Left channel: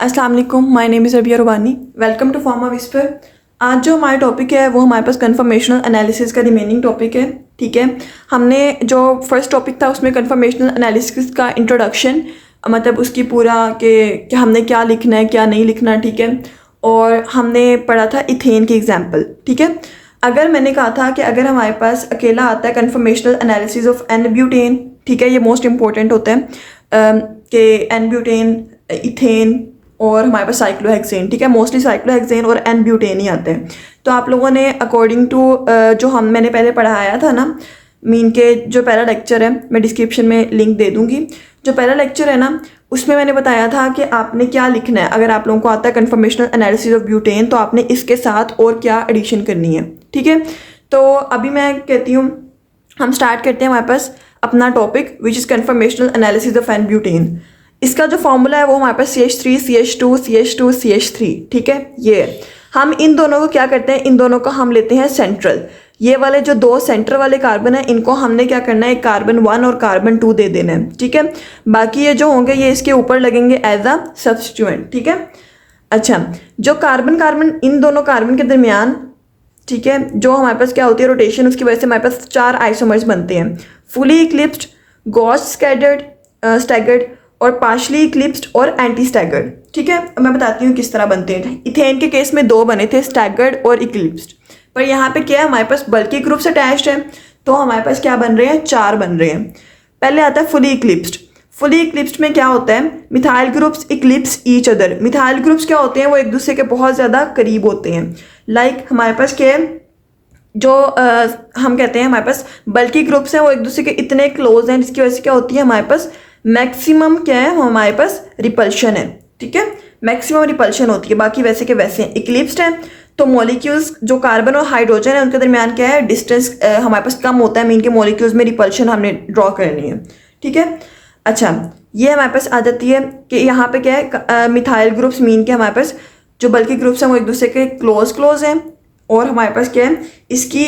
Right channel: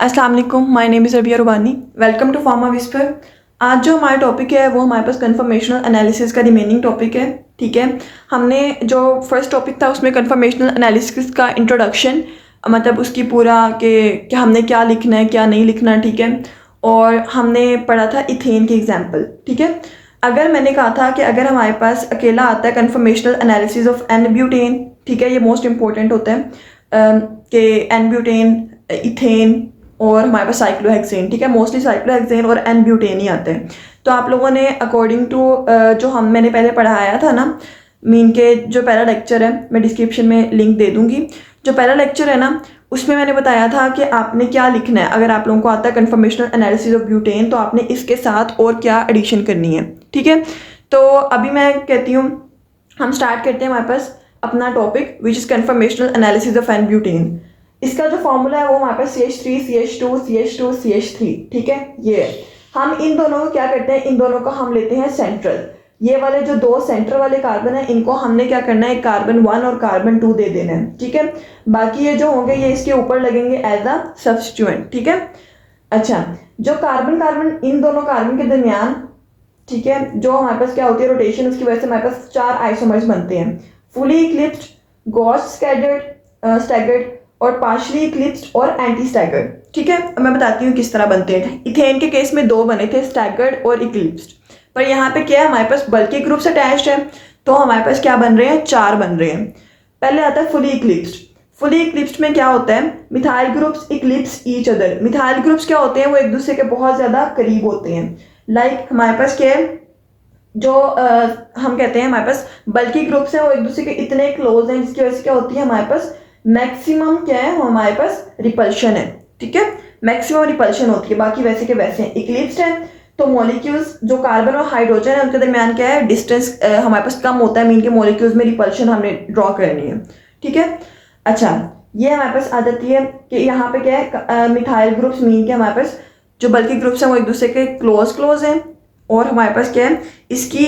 अस्सलाम वालेकुम, my name is Rabia Rubani. Welcome to pharma whisper. आज जो हमारा टॉपिक है वो हमारे पास कन्फर्मेशनल एनालिसिस का रिमेनिंग टॉपिक है। ठीक है, हमने जो फर्स्ट टॉपिक था उसमें कन्फर्मेशनल एनालिसिस का इंट्रोडक्शन, मतलब उसकी पूरा कि हमने क्या लिखना है क्या नहीं लिखना, ठीक है। और हमने पढ़ा था इथेन की एग्जाम्पल। ठीक है, अगर मैंने कहा था कि अगर हमारे पास अकेला आता है conformational analysis of n butane, ठीक है, ये मोस्ट इंपॉर्टेंट होता है कि एन ब्यूटेन, इथेन और हमारे पास साइक्लोहेक्सेन, ठीक है, मोस्टली साइक्लोहेक्सेन और एन ब्यूटेन ही आते हैं। तो आप लोगों ने अकॉर्डिंग टू जो मैंने पहले पढ़ाया था ना, मीन के जो पहला लेक्चर है, मैं डिस्क्रिप्शन में लिंक दे दूंगी। जो पहला लेक्चर है ना, उसमें मैंने बताया था कि आपने क्या लिखना है। अगर आप लोगों को आता है कन्फर्मेशनल एनालिसिस ऑफ ब्यूटेन, तो आपने इसके साथ और क्या एडिशन करनी है। ठीक है, तो अभी मैं कहती हूँ हम स्टार्ट करते हैं हमारे पास अपना topic which is conformational analysis of n butane. इसका जो फॉर्मूला है वो हमारे पास CH3 CH2 CH2 CH3, ठीक है। ये हम इन दोनों को क्या करते हैं, इन दोनों को हम लेते हैं सेंट्रल। ये वाले जो दो सेंटर वाले कार्बन है, इनको हमने क्या करना है, कार्बन 1 और कार्बन 2 दे देना है। ठीक है, बाकी ये जो होंगे ये इसके ऊपर लगेंगे एज अ सब्स्टिट्यूएंट। ठीक है, अच्छा, जो कार्बन कार्बन इन दोनों कार्बन के दरमियान, ठीक है, जो हमारे पास क्या होती है रोटेशन, उसकी वजह से हमारे पास 4 आइसोमर्स बनते हैं, फुली इक्लिप्स्ड, गॉस स्टैगर्ड और पार्शली इक्लिप्स्ड और एंटी स्टैगर्ड। ठीक है, अब मैं बताती हूँ किस तरह बनते हैं। इथेन के केस में 2 बने थे, स्टैगर्ड और इक्लिप्स्ड, पर यहाँ पे क्या है, हमारे पास बल्कि ग्रुप्स अटैच्ड है, तो हमारे पास क्या बन रहे हैं, 4 बन रहे हैं। पहले आता है फुली इक्लिप्स्ड। फुली इक्लिप्स्ड में क्या होता है, methyl groups Eclipse each other. Methyl groups क्या होते हैं, वो एक दूसरे के बहुत ज़्यादा करीब होते हैं। लाइक हमारे पास क्या है, जो हम कहते हैं हमारे पास बल्कि ग्रुप्स हैं, वो एक दूसरे के इतने क्लोज हैं, जिसकी वजह से क्या होती है, हमारे पास मैक्सिमम क्या है, हमारे पास रिपल्शन है। ठीक है, मैक्सिमम रिपल्शन होती है, बाकी वैसे के वैसे हैं। इक्लिप्स्ड है तो मॉलिक्यूल्स जो कार्बन और हाइड्रोजन है उनके दरमियान क्या है, डिस्टेंस हमारे पास कम होता है, मीन के मॉलिक्यूल्स में रिपल्शन हमने ड्रॉ करनी है। ठीक है, अच्छा, ये हमारे पास आ जाती है कि यहाँ पे क्या है, मिथाइल ग्रुप्स, मीन के हमारे पास जो बल्कि ग्रुप्स हैं वो एक दूसरे के क्लोज हैं, और हमारे पास क्या है, इसकी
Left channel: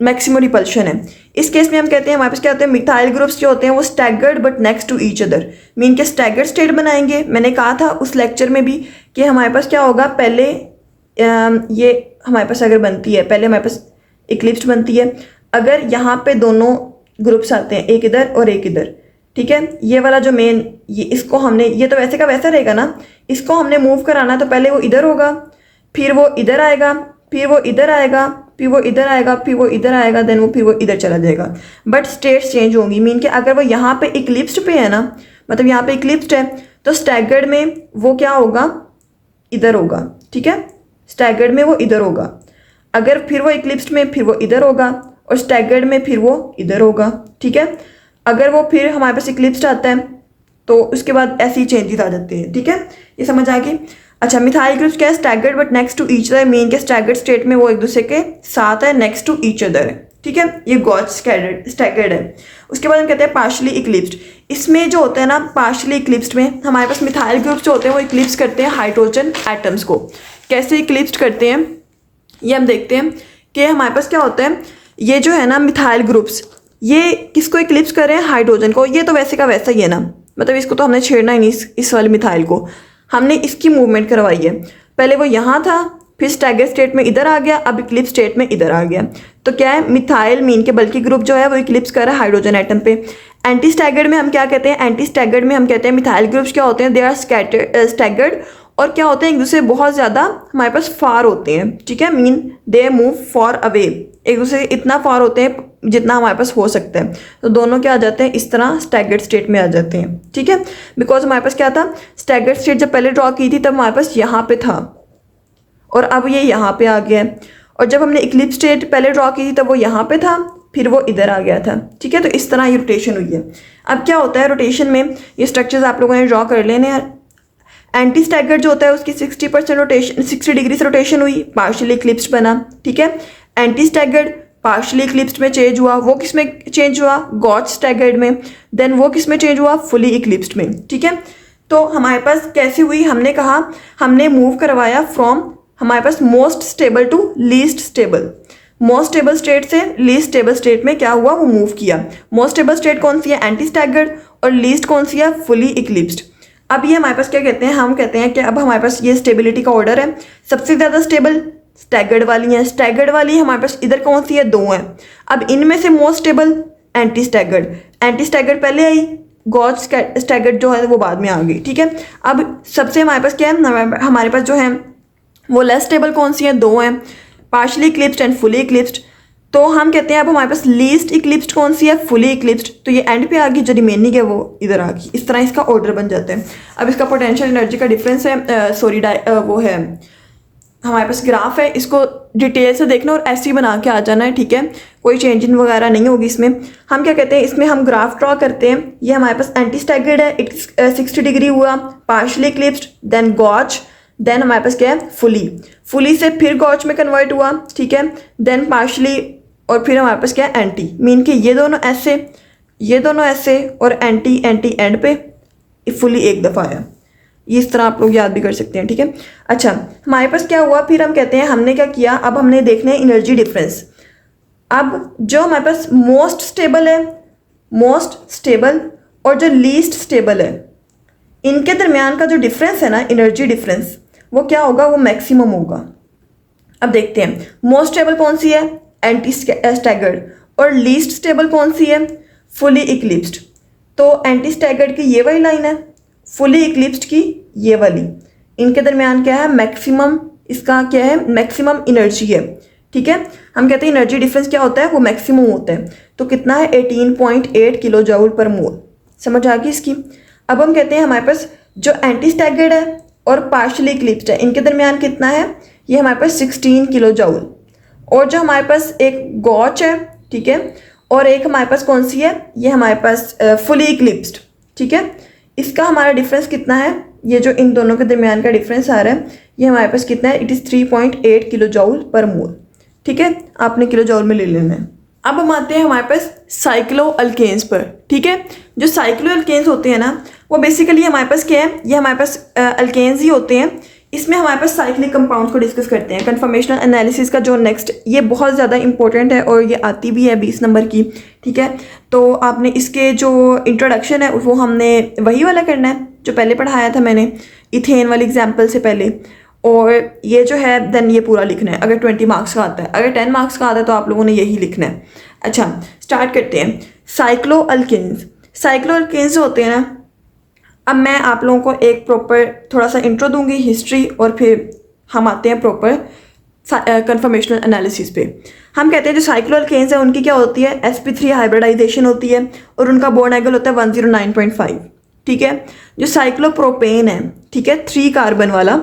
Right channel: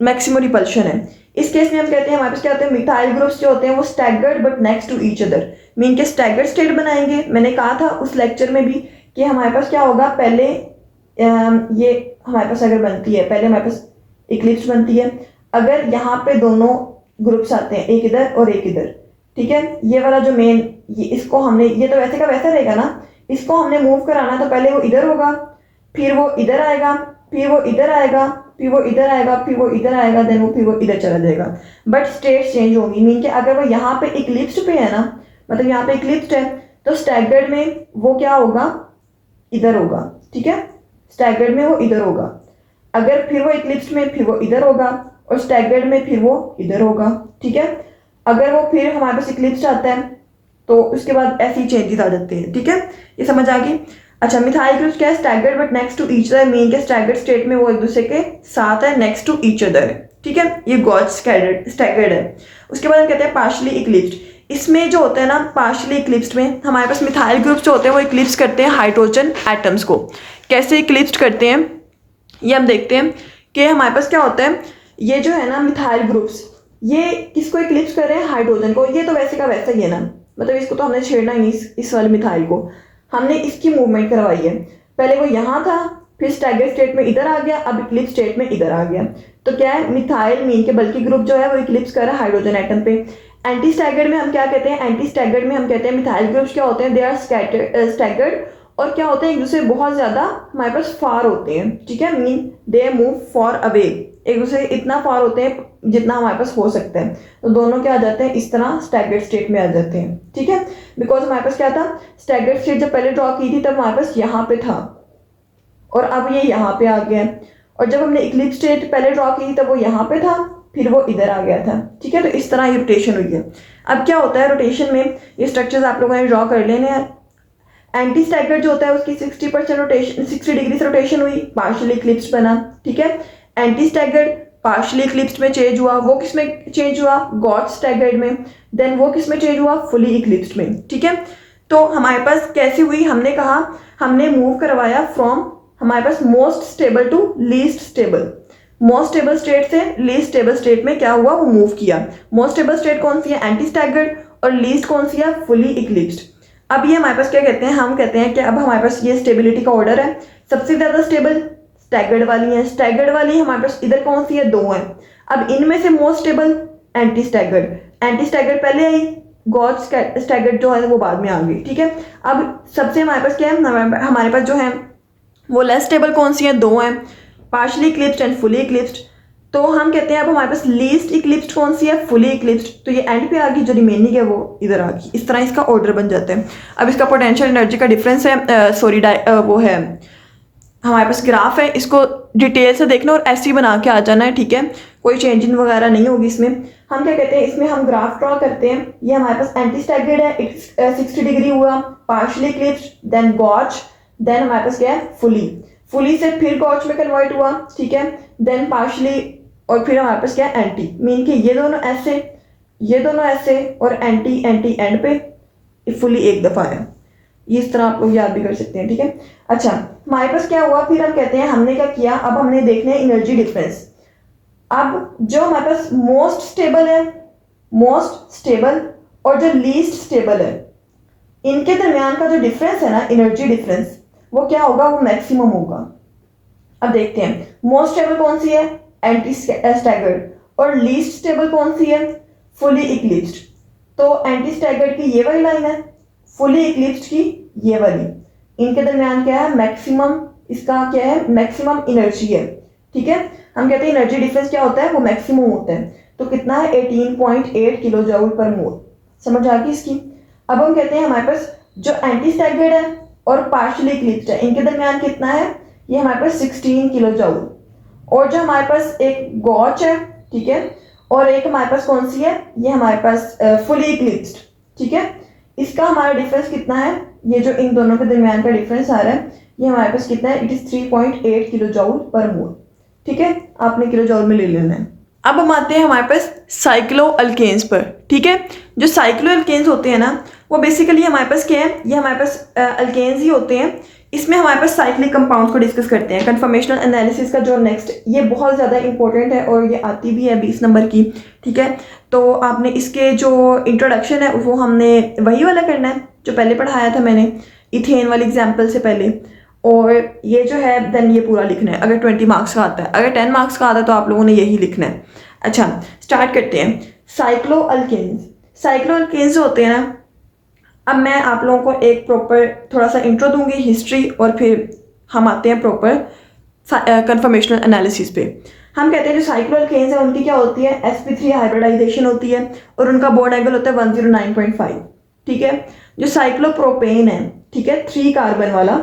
मैक्सिमम रिपल्शन है। इस केस में हम कहते हैं हमारे पास क्या होते हैं, मिथाइल ग्रुप्स जो होते हैं वो staggered but next to each other, mean के स्टैगर्ड स्टेट बनाएंगे। मैंने कहा था उस लेक्चर में भी कि हमारे पास क्या होगा, पहले ये हमारे पास अगर बनती है, पहले हमारे पास इक्लिप्स्ड बनती है, अगर यहाँ पे दोनों ग्रुप्स आते हैं, एक इधर और एक इधर, ठीक है, ये वाला जो मेन, ये इसको हमने, ये तो वैसे का वैसा रहेगा ना, इसको हमने मूव कराना, तो पहले वो इधर होगा, फिर वो इधर आएगा, फिर वो इधर आएगा, फिर वो इधर आएगा, फिर वो इधर आएगा, देन फिर वो इधर चला जाएगा, बट स्टेट्स चेंज होंगी। मीन कि अगर वो यहाँ पे इक्लिप्स्ड पे है ना, मतलब यहाँ पे इक्लिप्स्ड है, तो स्टैगर्ड में वो क्या होगा, इधर होगा। ठीक है, स्टैगर्ड में वो इधर होगा, अगर फिर वो इक्लिप्स्ड में फिर वो इधर होगा, और स्टैगर्ड में फिर वो इधर होगा। ठीक है, अगर वो फिर हमारे पास इक्लिप्स्ड आता है तो उसके बाद ऐसे ही चेंजेस आ जाते हैं। ठीक है, ये समझ आ गई। अच्छा, मिथाइल ग्रुप्स क्या है, staggered but next to each other, mean के स्टैगर्ड स्टेट में वो एक दूसरे के साथ है, नेक्स्ट टू ईच अदर है। ठीक है, ये गॉस स्टैगर्ड है। उसके बाद हम कहते हैं पार्शली इक्लिप्स्ड। इसमें जो होता है ना, पार्शली इक्लिप्स्ड में हमारे पास मिथाइल ग्रुप्स जो होते हैं वो इक्लिप्स करते हैं हाइड्रोजन एटम्स को। कैसे इक्लिप्स्ड करते हैं ये हम देखते हैं कि हमारे पास क्या होता है, ये जो है ना मिथाइल ग्रुप्स, ये किसको इक्लिप्स कर रहे हैं, हाइड्रोजन को। ये तो वैसे का वैसा ही है ना, मतलब इसको तो हमने छेड़ना ही नहीं, इस वाले मिथाइल को हमने इसकी मूवमेंट करवाई है। पहले वो यहाँ था, फिर स्टैगर्ड स्टेट में इधर आ गया, अब इक्लिप्स स्टेट में इधर आ गया। तो क्या है, मिथाइल मीन के बल्कि ग्रुप जो है वो इक्लिप्स कर रहा है हाइड्रोजन एटम पे। एंटी स्टैगर्ड में हम क्या कहते हैं, एंटी स्टैगर्ड में हम कहते हैं मिथाइल ग्रुप्स क्या होते हैं, दे आर स्टैगर्ड, और क्या होते हैं, एक दूसरे बहुत ज़्यादा हमारे पास फार होते हैं। ठीक है, mean they move for away, एक दूसरे इतना फार होते हैं जितना हमारे पास हो सकता है, तो दोनों क्या आ जाते हैं, इस तरह स्टैगर्ड स्टेट में आ जाते हैं। ठीक है, बिकॉज हमारे पास क्या था, स्टैगर्ड स्टेट जब पहले ड्रॉ की थी तब हमारे पास यहाँ पे था, और अब ये यहाँ पे आ गया है, और जब हमने इक्लिप्स स्टेट पहले ड्रॉ की थी तब वो यहाँ पे था, फिर वो इधर आ गया था। ठीक है, तो इस तरह ये रोटेशन हुई है। अब क्या होता है रोटेशन में, ये स्ट्रक्चर्स आप लोगों ने ड्रॉ कर लेने हैं। एंटी स्टैगर्ड जो होता है उसकी 60% रोटेशन, 60 डिग्री से रोटेशन हुई, पार्शियली इक्लिप्स्ड बना। ठीक है, एंटी स्टैगर्ड पार्शियली इक्लिप्स्ड में चेंज हुआ, वो किस में चेंज हुआ, गॉस स्टैगर्ड में, देन वो किस में चेंज हुआ, फुली इक्लिप्स्ड में। ठीक है, तो हमारे पास कैसे हुई, हमने कहा हमने मूव करवाया फ्रॉम हमारे पास most stable to least stable. Most stable state से लीस्ट स्टेबल स्टेट में क्या हुआ, वो मूव किया। मोस्ट स्टेबल स्टेट कौन सी है, एंटी स्टैगर्ड, और लीस्ट कौन सी है, फुली इक्लिप्स्ड। अब ये हमारे पास क्या कहते हैं, हम कहते हैं कि अब हमारे पास ये स्टेबिलिटी का ऑर्डर है। सबसे ज़्यादा स्टेबल स्टैगर्ड वाली हैं, स्टैगर्ड वाली हमारे पास इधर कौन सी है, 2 हैं। अब इनमें से most stable anti staggered, anti staggered पहले आई, गॉज स्टैगर्ड जो है वो बाद में आ गई, ठीक है। अब सबसे हमारे पास क्या है, हमारे पास जो है वो लेस स्टेबल कौन सी है, 2 हैं, partially eclipsed and fully eclipsed. तो हम कहते हैं अब हमारे पास लीस्ट इक्लिप्स्ड कौन सी है, फुली इक्लिप्स्ड। तो ये एंड पे आ गई, जो रिमेनिंग है वो इधर आ गई। इस तरह इसका ऑर्डर बन जाता है। अब इसका पोटेंशियल एनर्जी का डिफरेंस है, वो है हमारे पास ग्राफ है, इसको डिटेल से देखना और ऐसे ही बना के आ जाना है, ठीक है। कोई चेंजिंग वगैरह नहीं होगी इसमें। हम क्या कहते हैं, इसमें हम ग्राफ ड्रॉ करते हैं। ये हमारे पास एंटी स्टैगर्ड है, 60 डिग्री हुआ, partially eclipsed, then gauche, then हमारे पास क्या है, फुली से फिर गॉज में कन्वर्ट हुआ, ठीक है, देन पार्शली, और फिर हमारे पास क्या है, एंटी। मीन के ये दोनों ऐसे और एंटी एंड पे फुली एक दफ़ा है। ये इस तरह आप लोग याद भी कर सकते हैं, ठीक है। अच्छा, हमारे पास क्या हुआ, फिर हम कहते हैं हमने क्या किया, अब हमने देखना है एनर्जी डिफरेंस। अब जो हमारे पास मोस्ट स्टेबल और जो लीस्ट स्टेबल है, इनके दरमियान का जो डिफरेंस है ना, एनर्जी डिफरेंस, वो क्या होगा, वो मैक्सिमम होगा। अब देखते हैं मोस्ट स्टेबल कौन सी है, एंटी स्टैगर्ड, और लीस्ट स्टेबल कौन सी है, फुली इक्लिप्स्ड। तो एंटी स्टैगर्ड की ये वाली लाइन है, फुली इक्लिप्स्ड की ये वाली, इनके दरमियान क्या है, मैक्सिमम, इसका क्या है, मैक्सिमम एनर्जी है, ठीक है। हम कहते हैं एनर्जी डिफरेंस क्या होता है, वो मैक्सिमम होता है। तो कितना है, 18.8 किलो जूल पर मोल। समझ आ गई इसकी। अब हम कहते हैं हमारे पास जो एंटी स्टैगर्ड है और पार्शली इक्लिप्स्ड है, इनके दरमियान कितना है, ये हमारे पास 16 किलो जूल। और जो हमारे पास एक गॉच है, ठीक है, और एक हमारे पास कौन सी है, ये हमारे पास फुली इक्लिप्स्ड, ठीक है। इसका हमारा डिफरेंस कितना है, ये जो इन दोनों के दरमियान का डिफरेंस आ रहा है, ये हमारे पास कितना है, इट इज़ 3.8 किलो जूल पर मोल, ठीक है। आपने किलो जूल में ले लेना है। अब हम आते हैं हमारे पास साइक्लो अल्केन्स पर, ठीक है। जो साइक्लो अल्केन्स होते हैं ना, वो बेसिकली हमारे पास क्या है, ये हमारे पास अल्केन्स ही होते हैं। इसमें हमारे पास साइक्लिक कंपाउंड्स को डिस्कस करते हैं। कन्फर्मेशनल एनालिसिस का जो नेक्स्ट, ये बहुत ज़्यादा इंपॉर्टेंट है और ये आती भी है 20 नंबर की, ठीक है। तो आपने इसके जो इंट्रोडक्शन है वो हमने वही वाला करना है जो पहले पढ़ाया था मैंने, इथेन वाली एग्जाम्पल से पहले। और ये जो है देन ये पूरा लिखना है, अगर 20 मार्क्स का आता है। अगर 10 मार्क्स का आता है तो आप लोगों ने यही लिखना है। अच्छा, स्टार्ट करते हैं। साइक्लो अल्केन्स होते हैं ना, अब मैं आप लोगों को एक प्रॉपर थोड़ा सा इंट्रो दूंगी, हिस्ट्री, और फिर हम आते हैं प्रॉपर कन्फर्मेशनल एनालिसिस पे। हम कहते हैं जो साइक्लो अल्केन्स है उनकी क्या होती है, sp3 हाइब्रिडाइजेशन होती है और उनका बॉन्ड एंगल होता है 109.5, ठीक है। जो साइक्लोप्रोपेन है, ठीक है, 3 कार्बन वाला,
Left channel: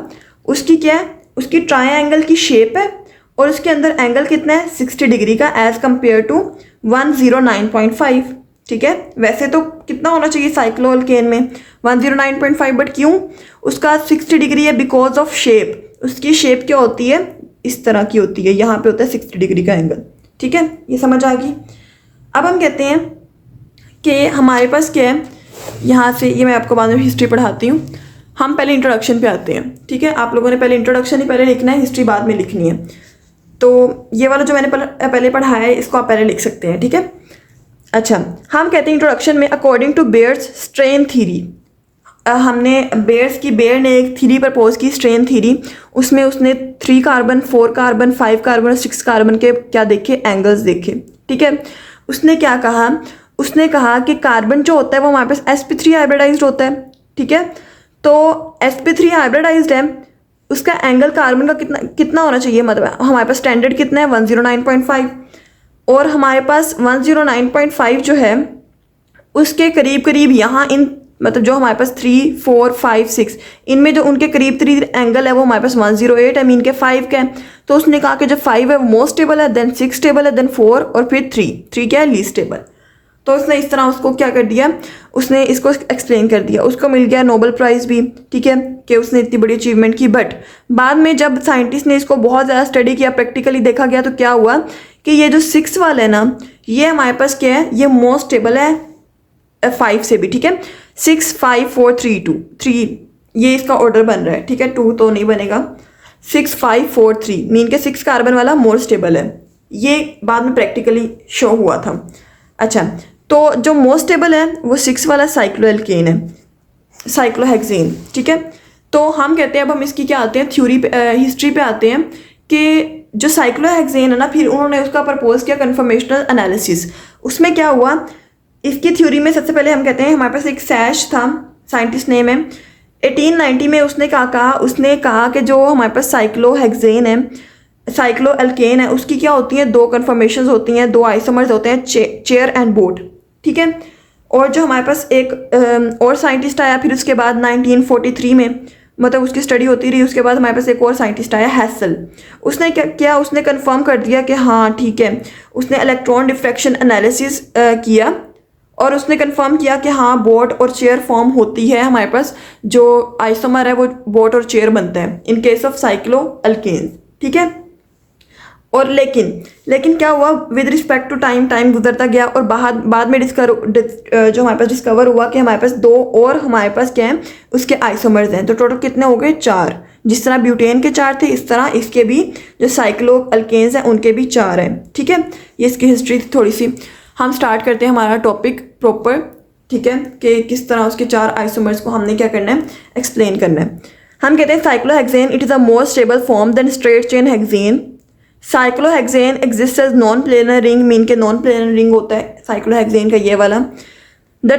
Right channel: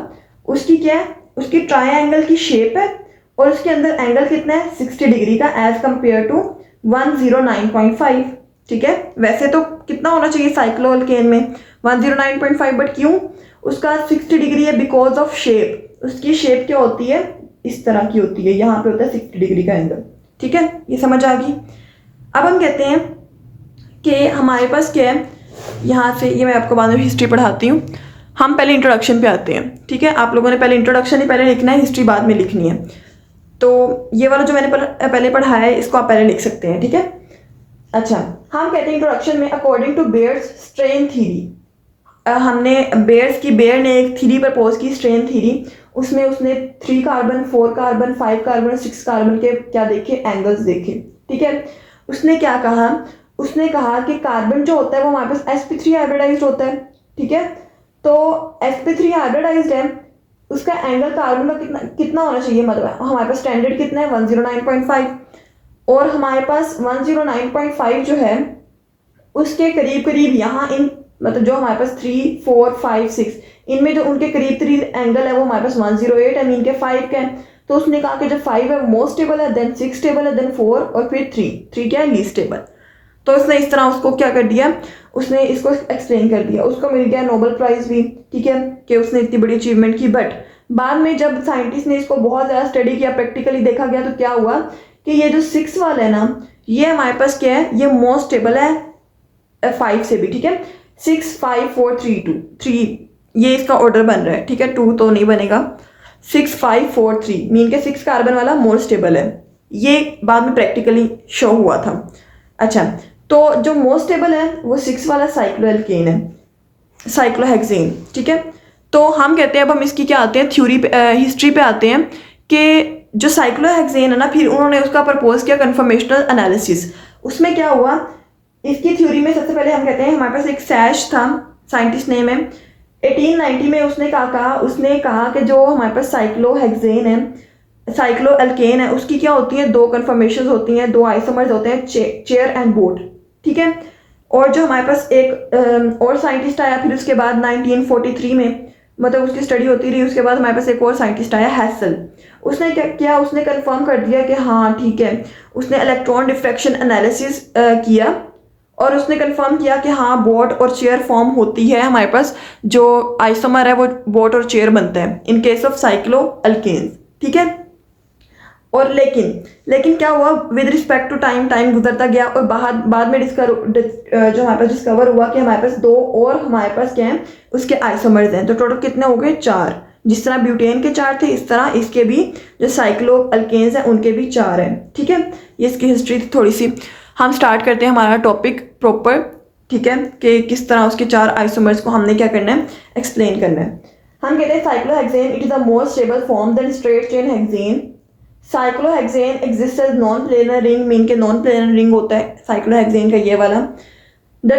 उसकी क्या है, उसकी ट्रायंगल की शेप है और उसके अंदर एंगल कितना है, 60 डिग्री का, एज कंपेयर टू 109.5, ठीक है। वैसे तो कितना होना चाहिए साइक्लो अल्केन में, 109.5, बट क्यों उसका 60 डिग्री है, बिकॉज ऑफ शेप। उसकी शेप क्या होती है, इस तरह की होती है, यहाँ पे होता है 60 डिग्री का एंगल, ठीक है। ये समझ आ गई। अब हम कहते हैं कि हमारे पास क्या है, यहाँ से ये मैं आपको बाद में हिस्ट्री पढ़ाती हूँ। हम पहले इंट्रोडक्शन पे आते हैं, ठीक है। आप लोगों ने पहले इंट्रोडक्शन ही पहले लिखना है, हिस्ट्री बाद में लिखनी है। तो ये वाला जो मैंने पहले पढ़ाया है इसको आप पहले लिख सकते हैं, ठीक है। अच्छा, हम कहते हैं इंट्रोडक्शन में, according to Baeyer's strain theory, हमने बेयर ने एक थ्योरी प्रपोज की, स्ट्रेन थ्योरी। उसमें उसने 3 कार्बन, 4 कार्बन, 5 कार्बन और 6 कार्बन के क्या देखे, एंगल्स देखे, ठीक है। उसने क्या कहा, उसने कहा कि कार्बन जो होता है वो हमारे पास sp3 हाइब्रिडाइज्ड होता है, ठीक है। तो sp3 हाइब्रिडाइज्ड है, उसका एंगल कार्बन का कितना होना चाहिए, मतलब हमारे पास स्टैंडर्ड कितना है, 109.5, और हमारे पास 109.5 जो है उसके करीब करीब यहाँ इन, मतलब जो हमारे पास 3, 4, 5, 6, इनमें जो उनके करीब एंगल है वो हमारे पास 108 है, मीन के 5 का है। तो उसने कहा कि जब 5 है वो मोस्ट स्टेबल है, देन 6 स्टेबल है, देन 4, और फिर 3 क्या है, लीस्ट स्टेबल। तो उसने इस तरह उसको क्या कर दिया, उसने इसको एक्सप्लेन कर दिया। उसको मिल गया नोबेल प्राइज़ भी, ठीक है, कि उसने इतनी बड़ी अचीवमेंट की। बट बाद में जब साइंटिस्ट ने इसको बहुत ज़्यादा स्टडी किया, प्रैक्टिकली देखा गया, तो क्या हुआ कि ये जो 6 वाला है ना, ये हमारे पास क्या है, ये मोस्ट स्टेबल है 5 से भी, ठीक है। 6, 5, 4, 3, 2, 3, ये इसका ऑर्डर बन रहा है, ठीक है। 2 तो नहीं बनेगा, 6, 5, 4, 3, मीन के 6 कार्बन वाला मोर स्टेबल है। ये बाद में प्रैक्टिकली शो हुआ था। अच्छा, तो जो मोस्ट स्टेबल है वो 6 वाला साइक्लो अल्केन है। साइक्लोहेक्सेन, ठीक है। तो हम कहते हैं, अब हम इसकी क्या आते हैं थ्योरी पे, हिस्ट्री पे आते हैं कि जो साइक्लोहेक्सेन है ना, फिर उन्होंने उसका प्रपोज किया कन्फर्मेशनल एनालिसिस। उसमें क्या हुआ, इसकी थ्योरी में सबसे पहले हम कहते हैं हमारे पास एक सैश था, साइंटिस्ट नेम है, 1890 में उसने कहा कि जो हमारे पास साइक्लोहेक्सेन है, साइक्लो एल्केन है, उसकी क्या होती है, दो कन्फर्मेशंस होती हैं, दो आइसोमर्स होते हैं, चेयर एंड बोट, ठीक है। और जो हमारे पास एक और साइंटिस्ट आया फिर उसके बाद 1943 में, मतलब उसकी स्टडी होती रही, उसके बाद हमारे पास एक और साइंटिस्ट आया हैसल। उसने क्या किया, उसने कंफर्म कर दिया कि हाँ ठीक है, उसने इलेक्ट्रॉन डिफ्रैक्शन एनालिसिस किया और उसने कंफर्म किया कि हाँ बोट और चेयर फॉर्म होती है, हमारे पास जो आइसोमर है वो बोट और चेयर बनता है in case of cycloalkanes, ठीक है। और लेकिन क्या हुआ, विद रिस्पेक्ट टू टाइम गुजरता गया और बाद में जो हमारे पास डिस्कवर हुआ कि हमारे पास दो और हमारे पास क्या है, उसके आइसोमर्स हैं। तो टोटल कितने हो गए, 4। जिस तरह ब्यूटेन के 4 थे, इस तरह इसके भी जो साइक्लो अल्केन्स हैं उनके भी 4 हैं, ठीक है। ये इसकी हिस्ट्री थी थोड़ी सी। हम स्टार्ट करते हैं हमारा टॉपिक प्रॉपर, ठीक है, कि किस तरह उसके 4 आइसोमर्स को हमने क्या करना है, एक्सप्लेन करना है। हम कहते हैं cyclohexane it is a more stable form than straight chain hexane. Cyclohexane exist as non planar ring, mean के नॉन प्लेनर रिंग होता है साइक्लोहेक्सेन का ये वाला। The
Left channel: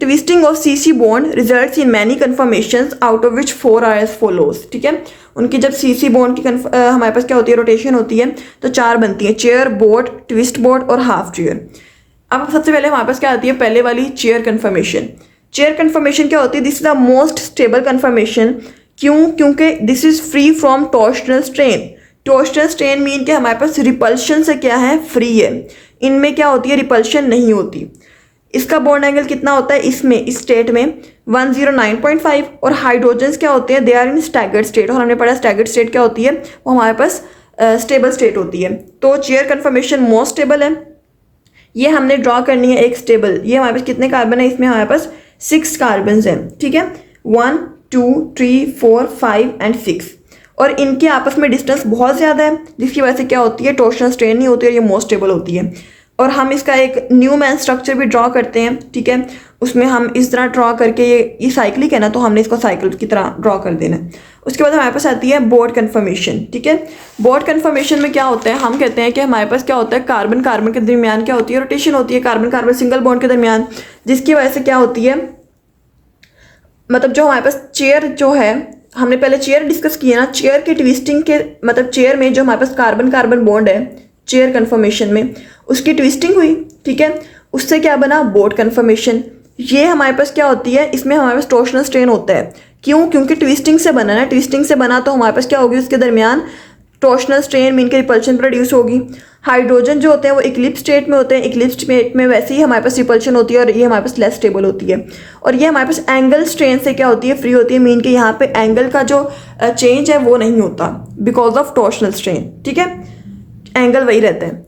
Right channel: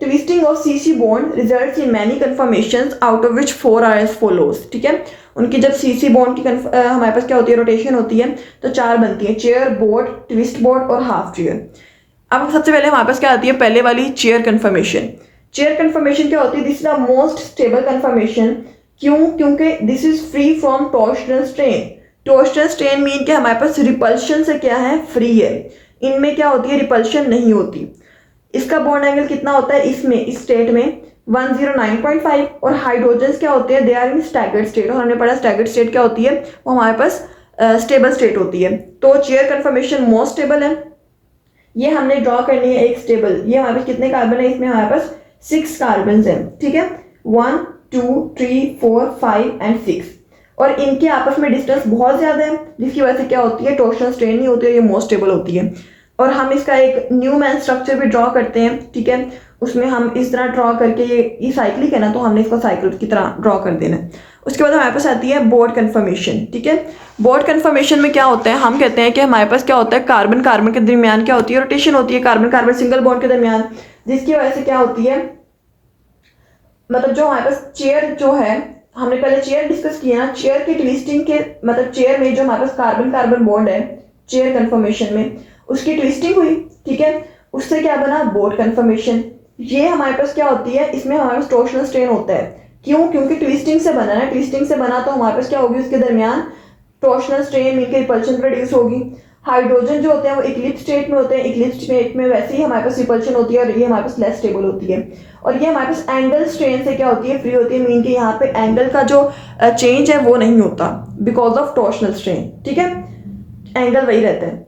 twisting of CC bond results in many conformations out of which 4 are as follows, ठीक है। उनकी जब CC बॉन्ड की हमारे पास क्या होती है, रोटेशन होती है, तो 4 बनती है, चेयर, बोट, ट्विस्ट बोट और हाफ चेयर। अब सबसे पहले हमारे पास क्या आती है, पहले वाली चेयर कन्फर्मेशन। चेयर कन्फर्मेशन क्या होती है, this is the most stable conformation. क्योंकि this is free from torsional strain. Torsional strain mean कि हमारे पास रिपल्शन से क्या है, फ्री है। इनमें क्या होती है, रिपल्शन नहीं होती। इसका बॉन्ड एंगल कितना होता है, इसमें इस स्टेट में 109.5। और हाइड्रोजन्स क्या होते हैं, they are in staggered state. और हमने पढ़ा स्टैगर्ड स्टेट क्या होती है, वो हमारे पास स्टेबल स्टेट होती है। तो चेयर कन्फर्मेशन मोस्ट स्टेबल है। ये हमने ड्रॉ करनी है एक स्टेबल। ये हमारे पास कितने कार्बन है, इसमें हमारे पास 6 कार्बन हैं, ठीक है, 1 2 3 4 5 एंड 6। और इनके आपस में डिस्टेंस बहुत ज़्यादा है, जिसकी वजह से क्या होती है, टॉर्शनल स्ट्रेन नहीं होती है, ये मोस्ट स्टेबल होती है। और हम इसका एक न्यूमैन स्ट्रक्चर भी ड्रॉ करते हैं, ठीक है। उसमें हम इस तरह ड्रॉ करके, ये साइक्लिक है ना, तो हमने इसको साइकिल की तरह ड्रॉ कर देना है। उसके बाद हमारे पास आती है बोर्ड कन्फर्मेशन, ठीक है। बोर्ड कन्फर्मेशन में क्या होता है, हम कहते हैं कि हमारे पास क्या होता है, कार्बन कार्बन के दरमियान क्या होती है, रोटेशन होती है, कार्बन कार्बन सिंगल बॉन्ड के दरमियान, जिसकी वजह से क्या होती है, मतलब जो हमारे पास चेयर जो है, हमने पहले चेयर डिस्कस किया ना, चेयर की ट्विस्टिंग के मतलब चेयर में जो हमारे पास कार्बन कार्बन बॉन्ड है चेयर कन्फर्मेशन में, उसकी ट्विस्टिंग हुई, ठीक है, उससे क्या बना, बोर्ड कन्फर्मेशन। ये हमारे पास क्या होती है, इसमें हमारे पास टॉर्शनल स्ट्रेन होता है। क्योंकि ट्विस्टिंग से बना ना, ट्विस्टिंग से बना तो हमारे पास क्या होगी, उसके दरमियान टॉर्शनल स्ट्रेन मीन के रिपल्शन प्रोड्यूस होगी। हाइड्रोजन जो होते हैं वो इक्लिप्स स्टेट में होते हैं, इक्लिप्स स्टेट में वैसे ही हमारे पास रिपल्शन होती है और ये हमारे पास लेस स्टेबल होती है। और ये हमारे पास एंगल स्ट्रेन से क्या होती है, फ्री होती है, मीन के यहाँ पे एंगल का जो चेंज है वो नहीं होता बिकॉज ऑफ टॉर्शनल स्ट्रेन, ठीक है, एंगल वही रहता है।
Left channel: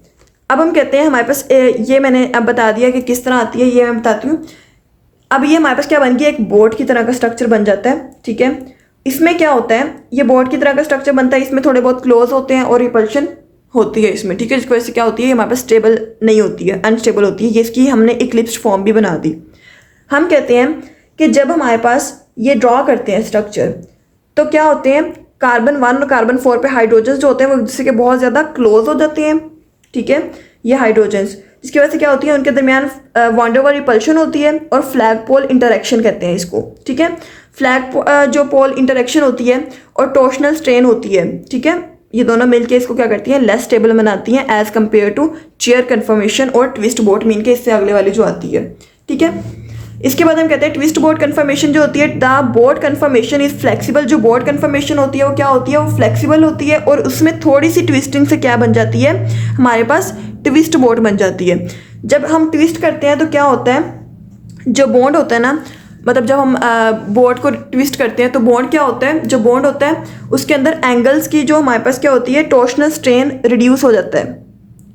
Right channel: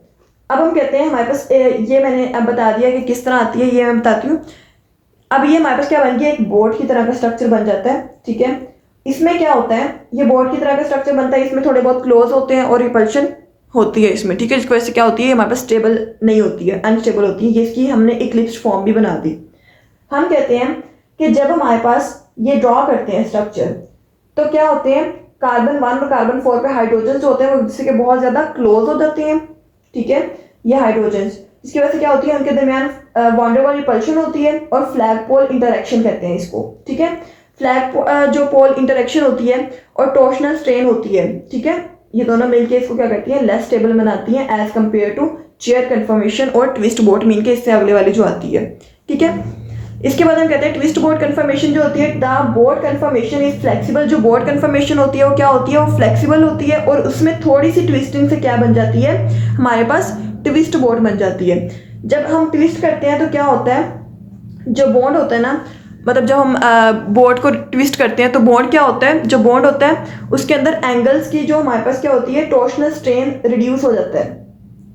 अब हम कहते हैं हमारे पास ये मैंने अब बता दिया कि किस तरह आती है, ये मैं बताती हूँ। अब ये हमारे पास क्या बन गया, एक बोर्ड की तरह का स्ट्रक्चर बन जाता है, ठीक है। इसमें क्या होता है, ये बोर्ड की तरह का स्ट्रक्चर बनता है, इसमें थोड़े बहुत क्लोज होते हैं और रिपल्शन होती है इसमें, ठीक है, जिसकी वजह से क्या होती है, हमारे पास स्टेबल नहीं होती है, अनस्टेबल होती है। ये इसकी हमने इक्लिप्स फॉर्म भी बना दी। हम कहते हैं कि जब हमारे पास ये ड्रॉ करते हैं स्ट्रक्चर, तो क्या होते हैं, कार्बन 1 और कार्बन 4 पे हाइड्रोजन जो होते हैं वो एक दूसरे के बहुत ज़्यादा क्लोज हो जाते हैं, ठीक है, ये हाइड्रोजन्स, जिसकी वजह से क्या होती है, उनके दरमियान वॉन डेर वाल रिपल्शन होती है और फ्लैग पोल इंटरेक्शन कहते हैं इसको, ठीक है। फ्लैग जो पोल इंटरेक्शन होती है और टॉर्शनल स्ट्रेन होती है, ठीक है, ये दोनों मिलके इसको क्या करती हैं, लेस स्टेबल बनाती हैं as compared to chair conformation और ट्विस्ट बोर्ड मीन के इससे अगले वाली जो आती है, ठीक है। इसके बाद हम कहते हैं ट्विस्ट बोर्ड कन्फर्मेशन जो होती है, the boat conformation is flexible. जो बोर्ड कन्फर्मेशन होती है वो क्या होती है, वो फ्लेक्सिबल होती है और उसमें थोड़ी सी ट्विस्टिंग से क्या बन जाती है, हमारे पास ट्विस्ट बोर्ड बन जाती है। जब हम ट्विस्ट करते हैं तो क्या होता है, जो बॉन्ड होता है ना, मतलब जब हम बोर्ड को ट्विस्ट करते हैं तो बॉन्ड क्या होता है, जो बॉन्ड होता है उसके अंदर एंगल्स की जो हमारे पास क्या होती है, टॉर्शनल स्ट्रेन रिड्यूस हो जाता है।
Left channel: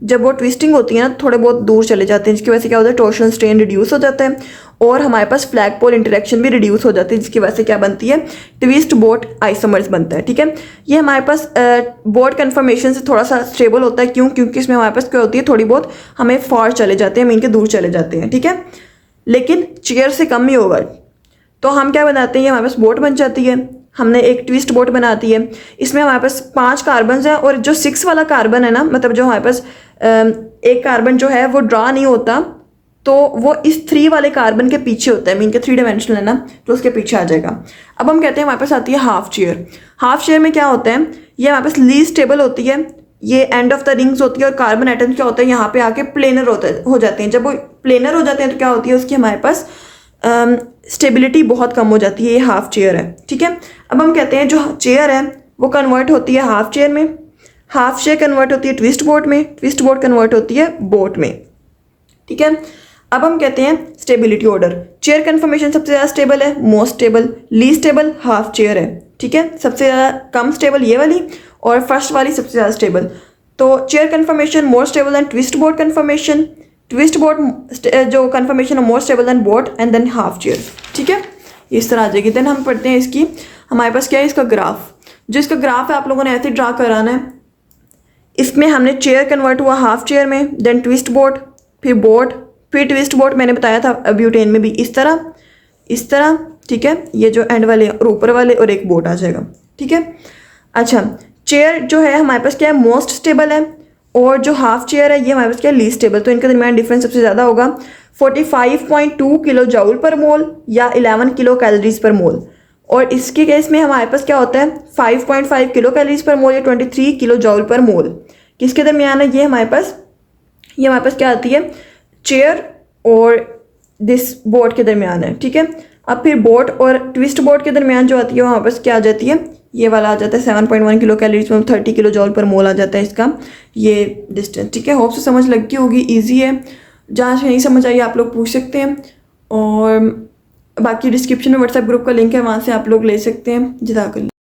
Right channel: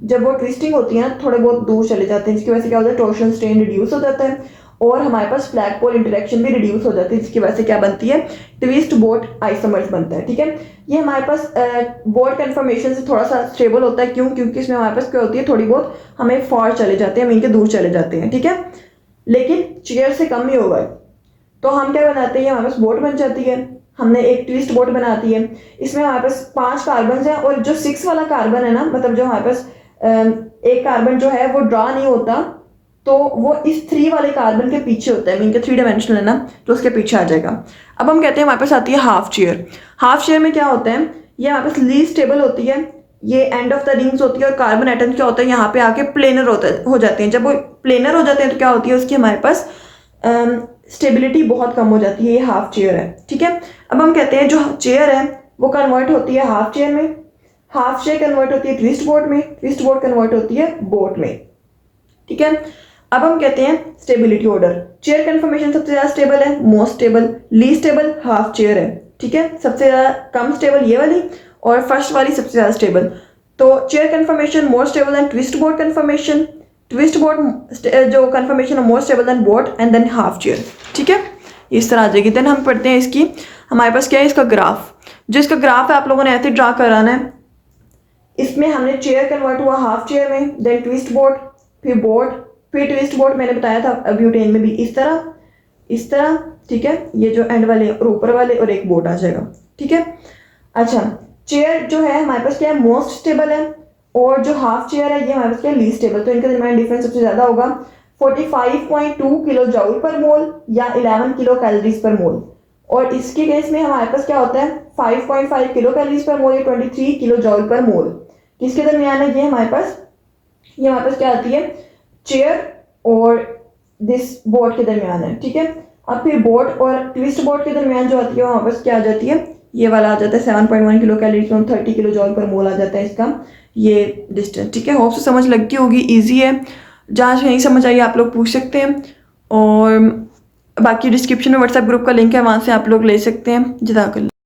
जब वो ट्विस्टिंग होती है ना, थोड़े बहुत दूर चले जाते हैं, जिसकी वजह से क्या होता है, टॉर्शनल स्ट्रेन रिड्यूस हो जाता है और हमारे पास फ्लैग पोल इंटरेक्शन भी रिड्यूस हो जाती है, जिसकी वजह से क्या बनती है, ट्विस्ट बोर्ड आइसोमर्स बनता है, ठीक है। ये हमारे पास बोर्ड कन्फर्मेशन से थोड़ा सा स्टेबल होता है, क्योंकि इसमें हमारे पास क्या होती है, थोड़ी बहुत हमें फॉर चले जाते हैं, मीन के दूर चले जाते हैं, ठीक है, लेकिन चेयर से कम ही होगा। तो हम क्या बनाते हैं, ये हमारे पास बोट बन जाती है। हमने एक ट्विस्ट बोट बनाती है, इसमें हमारे पास 5 कार्बन हैं और जो 6 वाला कार्बन है ना, मतलब जो हमारे पास एक कार्बन जो है वो ड्रा नहीं होता, तो वो इस 3 वाले कार्बन के पीछे होता है, मीन के 3 डायमेंशनल है ना, तो उसके पीछे आ जाएगा। अब हम कहते हैं हमारे पास आती है हाफ चेयर। हाफ चेयर में क्या होता है, ये हमारे पास लीस्ट स्टेबल होती है, ये एंड ऑफ द रिंग्स होती है और कार्बन एटम्स क्या होता है यहाँ पे आके प्लेनर हो जाते हैं। जब वो प्लेनर हो जाते हैं तो क्या होती है उसकी हमारे पास स्टेबिलिटी बहुत कम हो जाती है। ये हाफ चेयर है, ठीक है। अब हम कहते हैं जो चेयर है वो कन्वर्ट होती है हाफ चेयर में, हाफ चेयर कन्वर्ट होती है ट्विस्ट बोट में, ट्विस्ट बोट कन्वर्ट होती है बोट में, ठीक है। अब हम कहते हैं स्टेबिलिटी ऑर्डर। चेयर कन्फर्मेशन सबसे ज़्यादा स्टेबल है, most stable, least stable half chair है, ठीक है। सबसे ज़्यादा कम स्टेबल ये वाली और फर्स्ट वाली सबसे ज़्यादा स्टेबल। तो chair conformation more stable than twist boat conformation, twist boat जो कन्फर्मेशन है more stable than boat and then half chair, ठीक है। इस तरह आ जाएगी। देन हम पढ़ते हैं इसकी, हमारे पास क्या है इसका ग्राफ। जो इसका ग्राफ है आप लोगों ने ऐसे ड्रा कराना है। इसमें हमने चेयर कन्वर्ट हुआ हाफ चेयर में, देन ट्विस्ट बोट, फिर बोट, फिर ट्विस्ट बोट मैंने बताया था ब्यूटेन में भी इस तरह, ठीक है। ये जो एंड वाले और ऊपर वाले और एक बोट आ जाएगा, ठीक है। अच्छा, चेयर जो है हमारे पास क्या है मोस्ट स्टेबल है और जो हाफ चेयर है ये हमारे पास क्या है लीस्ट स्टेबल। तो इनके दरमियान डिफरेंस सबसे ज़्यादा होगा 45.2 किलो जूल पर मोल या 11 किलो कैलोरीज पर मोल। और इसके केस में हमारे पास क्या होता है 5.5 किलो कैलोरीज पर मोल या 23 किलो जूल पर मोल। किसके दरमियान है ये हमारे पास क्या आती है चेयर और दिस बोट के दरमियान है, ठीक है। अब फिर बोट और ट्विस्ट बोट के दरमियान जो आती है वहाँ पर क्या आ जाती है, ये वाला आ जाता है 7.1 किलो कैलोरीज में 30 किलो जूल पर मोल आ जाता है इसका ये डिस्टेंस, ठीक है। होप से समझ लगती होगी, इजी है। जहाँ से नहीं समझ आई आप लोग पूछ सकते हैं और बाकी डिस्क्रिप्शन में व्हाट्सएप ग्रुप का लिंक है, वहाँ से आप लोग ले सकते हैं। जज़ाकल्लाह।